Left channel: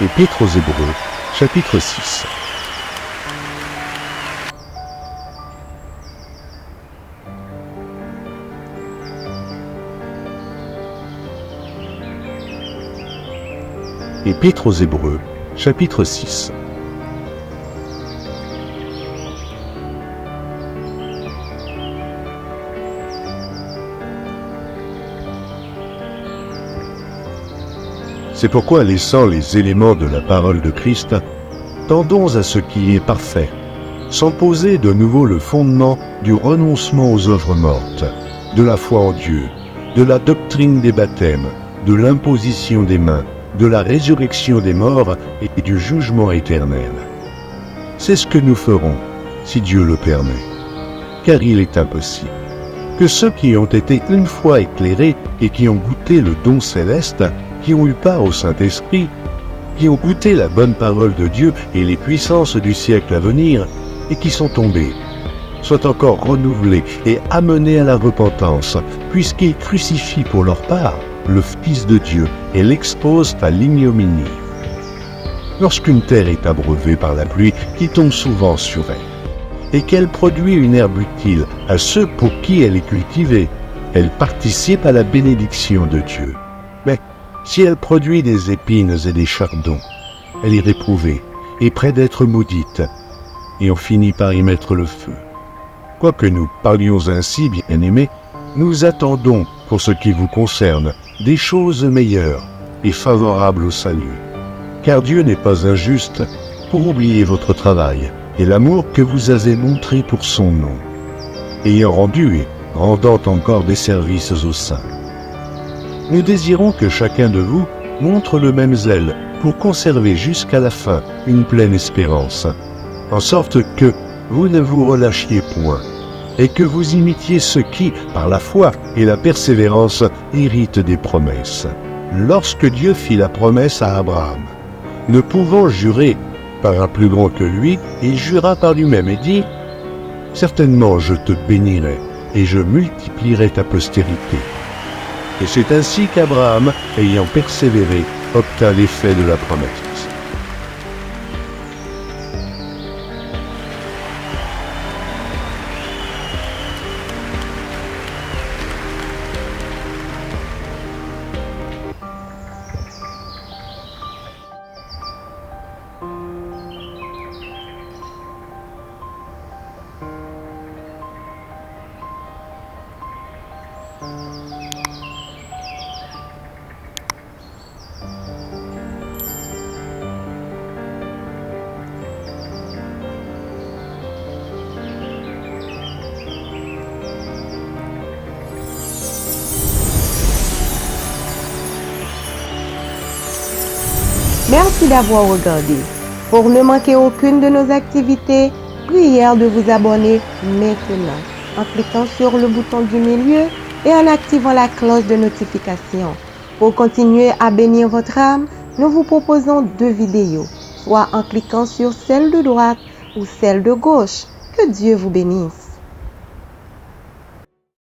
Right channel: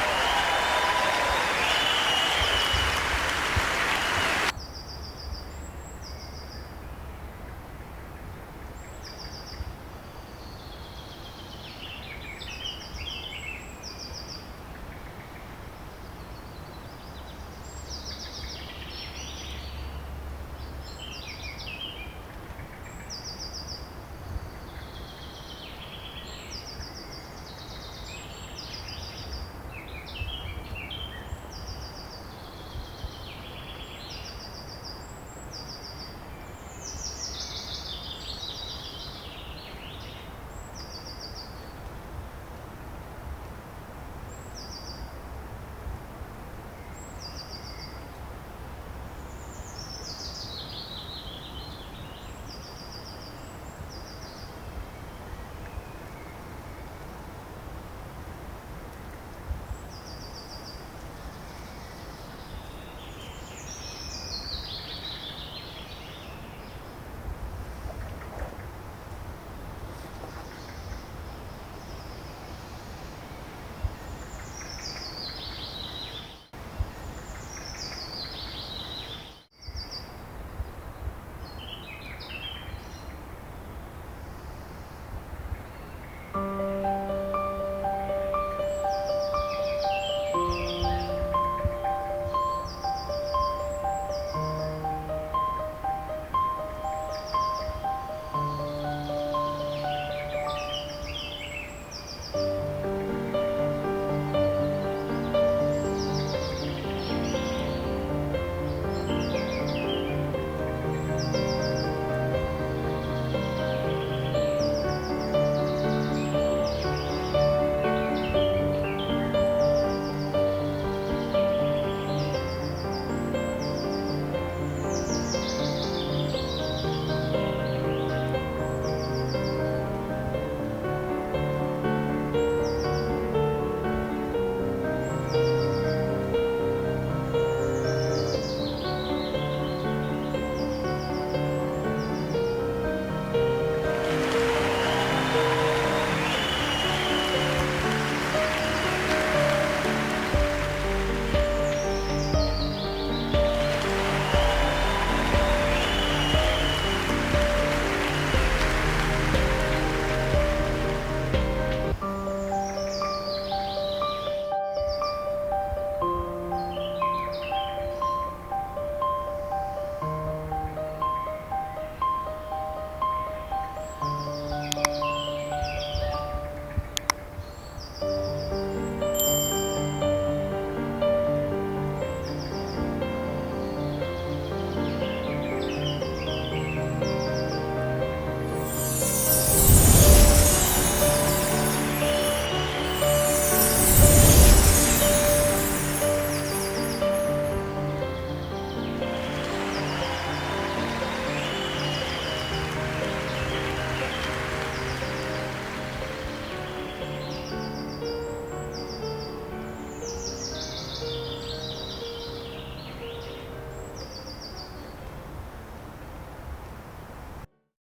Épître aux Hébreux, chapitre 6. Épître aux Hébreux, chapitre 6. C'est pourquoi, laissant les éléments de la parole de Christ, tendons à ce qui est parfait, sans poser de nouveau le fondement du renoncement aux œuvres mortes, de la foi en Dieu, de la doctrine des baptêmes, de l'imposition des mains, de la résurrection des morts et du jugement éternel. C'est ce que nous ferons, si Dieu le permet, car il est impossible que ceux qui ont été une fois éclairés et qui ont goûté le don céleste, qui ont eu part au Saint-Esprit, qui ont goûté la bonne parole de Dieu et les puissances du siècle à venir, et qui sont tombés, soient encore renouvelés et amenés à la repentance, puisqu'ils crucifient pour leur part le Fils de Dieu et l'exposent à l'ignominie. Lorsqu'une terre est abreuvée par la pluie qui tombe souvent sur elle, et qu'elle produit une herbe utile à ceux pour qui elle est cultivée, elle participe à la bénédiction de Dieu. Mais si elle produit des épines et des chardons, elle est réprouvée et près d'être maudite, et on finit par y mettre le feu. Quoique nous parlions ainsi, bien-aimés, nous attendons, pour ce qui vous concerne, des choses meilleures et favorables au salut. Car Dieu n'est pas injuste pour oublier votre travail et l'amour que vous avez montré pour son nom, ayant rendu et rendant encore des services aux saints. Nous désirons que chacun de vous montre le même zèle pour conserver jusqu'à la fin une pleine espérance, en sorte que vous ne vous relâchiez point, et que vous imitiez ceux qui, par la foi et la persévérance, héritent des promesses. Lorsque Dieu fit la promesse à Abraham, ne pouvant jurer par un plus grand que lui, il jura par lui-même et dit « Certainement je te bénirai, et je multiplierai ta postérité. » Et c'est ainsi qu'Abraham, ayant persévéré, obtint l'effet de la promesse. Merci d'avoir regardé. Pour ne manquer aucune de nos activités, prière de vous abonner maintenant en cliquant sur le bouton du milieu et en activant la cloche de notification. Pour continuer à bénir votre âme, nous vous proposons 2 vidéos, soit en cliquant sur celle de droite ou celle de gauche. Que Dieu vous bénisse.